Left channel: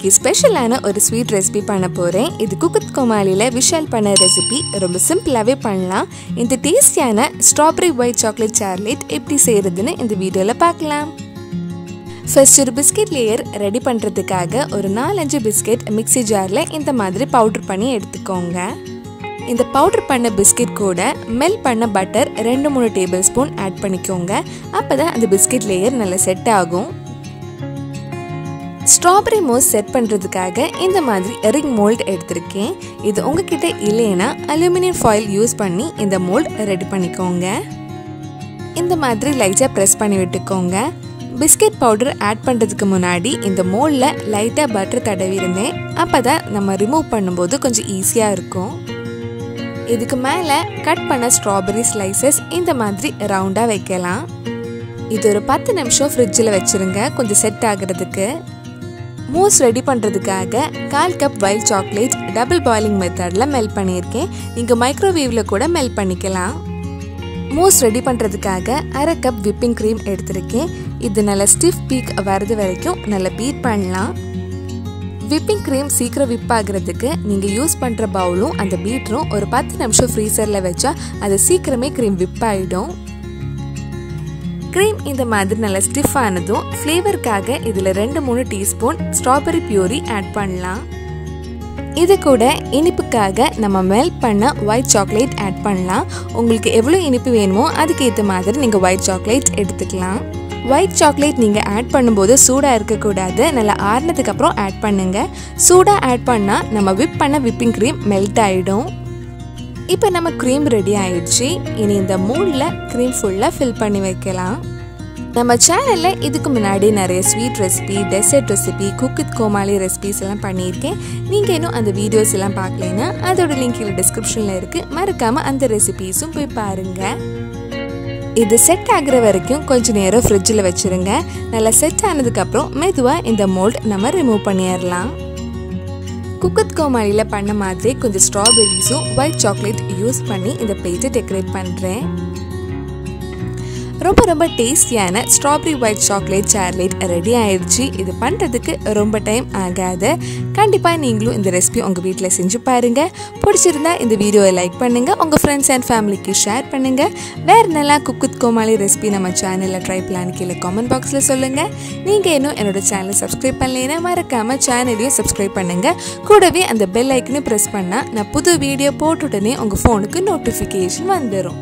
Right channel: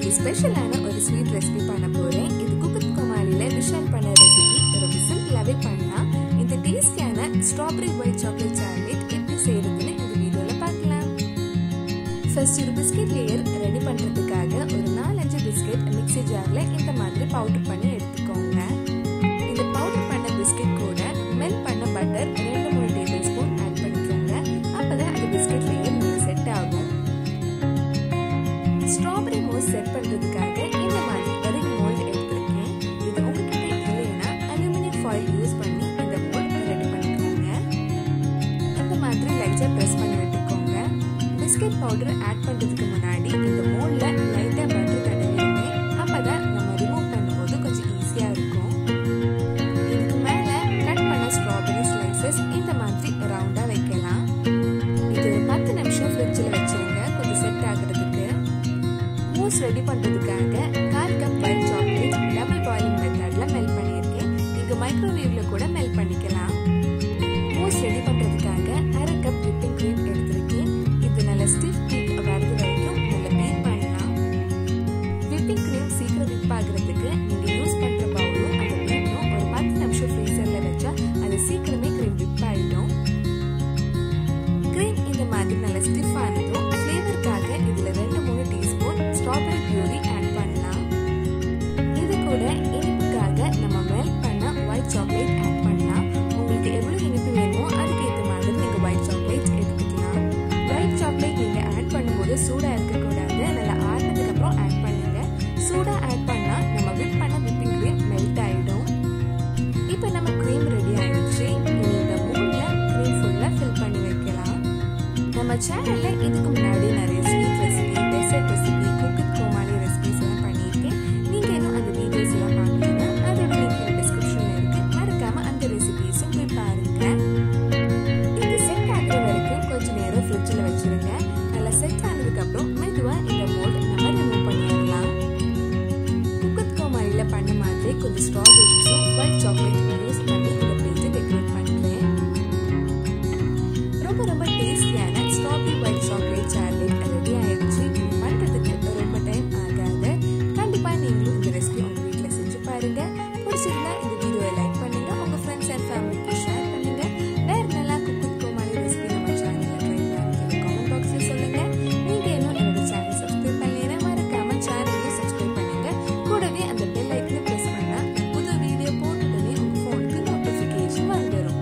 இன்னைக்கு ஸ்பெஷலான ஒரு ஸ்வீட் ரெசிபி பண்ண போறேன். இது குக்குத் கோமாலில விஷால் பண்ண ரெசிபி. ரொம்ப சிம்பிளாவே பண்ணலாம். இந்த டேஸ்டியான ஸ்ட்ராபெரி ஒயிட் சாக்லேட் சார்லேட் எப்படி செய்யறதுன்னு இந்த வீடியோல பார்க்கலாம். ஃபர்ஸ்ட் ஒரு பிஸ்கட் லேயர் ரெடி பண்றதுக்காக ஒரு 4-5 பிஸ்கட் மிக்ஸி ஜார்ல இந்த மாதிரி பவுடர் பண்ணி எடுத்துக்கோங்க. இந்த பவுடர் பண்ண பிஸ்கட் கூட மெல்ட் பண்ண பட்டர் 2-3 டேபிள் ஸ்பூன் ஆட் பண்ணிக்கோங்க. அப்பதான் அந்த பிஸ்கட் லேயர் நல்லா செட் ஆகும். ஸ்ட்ராபெரி மோஸ் செட் பண்றதுக்காக இந்த மாதிரி ரிங் மோல்ட் எடுத்திருக்கேன். இது உங்ககிட்ட இல்லைன்னா அலுமினியம் ஃபாயில் யூஸ் பண்ணி இந்த மோல்ட் ரெடி பண்ணிக்கோங்க. இந்த மாதிரி லைட்டா பிரஸ் பண்ணி விட்டுக்கோங்க. பிஸ்கட் பவுடர் ஆட் பண்றதுக்கு முன்னாடி இந்த மோல்ட்ல லைட்டா பட்டர் தடவி இருந்தேன். அப்பதான் நம்ம ரிமூவ் பண்ணும்போது கொஞ்சம் ஈஸியா இருக்கும். இதுக்கு மேல கட் பண்ண ஸ்ட்ராபெரி ஸ்லைசஸ் இந்த மாதிரி ரவுண்டா வைக்கலாம். இது ஒரு 10 நிமிஷம் ஃப்ரிட்ஜில் வச்சிருங்க, கொஞ்சம் செட் ஆகிறதுக்கு. மூஸ் ரெடி பண்ணுறதுக்காக 1/4 cup white chocolate double boiling மெத்தடில் மெல்ட் பண்ணியிருக்கேன். நீங்கள் மைக்ரோவேவில் கூட மெல்ட் பண்ணிக்கலாம். மூஸ் ரெடி பண்ணுறதுக்காக 1/2 கப் விப்பிங் க்ரீம் எடுத்திருக்கேன். இது நல்லா ஸ்டிஃப் பீக் வரது வரைக்கும் நல்லா பீட் பண்ணலாம். விப்பிங் க்ரீம் சீக்கிரம் விப் ஆகிறதுக்கு நீங்கள் யூஸ் பண்ணுற பவுலும் அந்த பீட்டரும் ஒரு 10 நிமிஷம் ஃப்ரீசரில் வச்சா அது சீக்கிரமே க்ரீம் விப் ஆகிடும். க்ரீம் இந்த மாதிரி நல்லா ஸ்டிஃப் ஆனதும் ஃப்ளேவருக்காக இதில் 2-3 டீஸ்பூன் ஸ்ட்ராபெரி பியூரி ஆட் பண்ணலாம். இது கூட இனிப்புக்காக நம்ம மெல்ட் பண்ண ஒயிட் சாக்லேட் ஆட் பண்ணலாம். உங்களுக்கு எவ்வளோ இனிப்பு வேணுமோ அதுக்கேற்ற மாதிரி நீங்கள் ஒயிட் சாக்லேட் எடுத்துக்கலாம். ஒயிட் சாக்லேட் நீங்கள் ஆட் பண்ணும்போது சூடாக இருக்கக்கூடாது, நல்லா ஆறுனதுக்கு அப்புறம் ஆட் பண்ணுங்க. சூடாக ஆட் பண்ணால் நம்ம விப் பண்ண விப்பிங் க்ரீம் மெல்ட் ஆகிடும். இப்போ நம்ம க்ரீம் ரெடி ஆயிடுச்சு. இனி இந்த மோல்டில் க்ரீம் ஃபுல்லாக ஃபில் பண்ணி வைக்கலாம். நம்ம சேனலில் இதுக்கு முன்னாடி நிறைய sweet recipe, dessert recipe, குக்குத் Comali recipes எல்லாம் பண்ணியிருக்கேன். நீங்கள் இன்னும் அந்த வீடியோஸ் எல்லாம் பார்க்கலன்னா அதோட லிங்க் இதில் டிஸ்கிரிப்ஷனில் இருக்குது. மறக்காமல் அந்த ரெசிபிஸும் போய் பாருங்கள். இது செட் ஆகிற வரைக்கும் கொஞ்சம் நேரம் ஃப்ரிட்ஜில் வச்சுருங்க. நல்லா செட் ஆனதுக்கப்புறம் மெதுவாக இந்த மோல்ட் நம்ம ரிமூவ் பண்ணிடலாம். குக்குத் கோமாலியில் பண்ண மாதிரி கொஞ்சம் ஸ்ட்ராபெரிஸும் ஒயிட் சாக்லேட் யூஸ் பண்ணி இந்த பிளேட்டை டெக்கரேட் பண்ணுறேன். ரொம்ப டேஸ்டியான ஸ்ட்ராபெரி ஒயிட் சாக்லேட் சார்லேட் ரெடி ஆயிடுச்சு. இது பண்ணுறதுக்கு ரொம்ப டைம் ஆகாது. கண்டிப்பாக நீங்களும் இந்த ரெசிபி உங்கள் வீட்டில் செஞ்சு பாருங்கள். பிடிச்சிருந்தா இந்த வீடியோவை லைக் பண்ணுங்கள், உங்கள் ஃப்ரெண்ட்ஸ் அண்ட் ஃபேமிலிக்கு ஷேர் பண்ணுங்கள். வேறு நல்லா குக்குத் கோமாலி ரெசிபி நம்ம சேனலில் ட்ரை பண்ணலான்னு கீழே காமெண்ட் பாக்ஸில் சொல்லுங்கள். நீங்கள் இன்னும் என்னோட சேனலை சப்ஸ்கிரைப் பண்ணலைன்னா மறக்காமல் சேனலையும் சப்ஸ்கிரைப் பண்ணுங்கள். கூடவே அந்த பெல் ஐக்கனை ப்ரெஸ் பண்ணால் நான் புது வீடியோ போட்ட உடனே உங்கள் ஃபோனுக்கு நோட்டிஃபிகேஷன் வந்துடும்.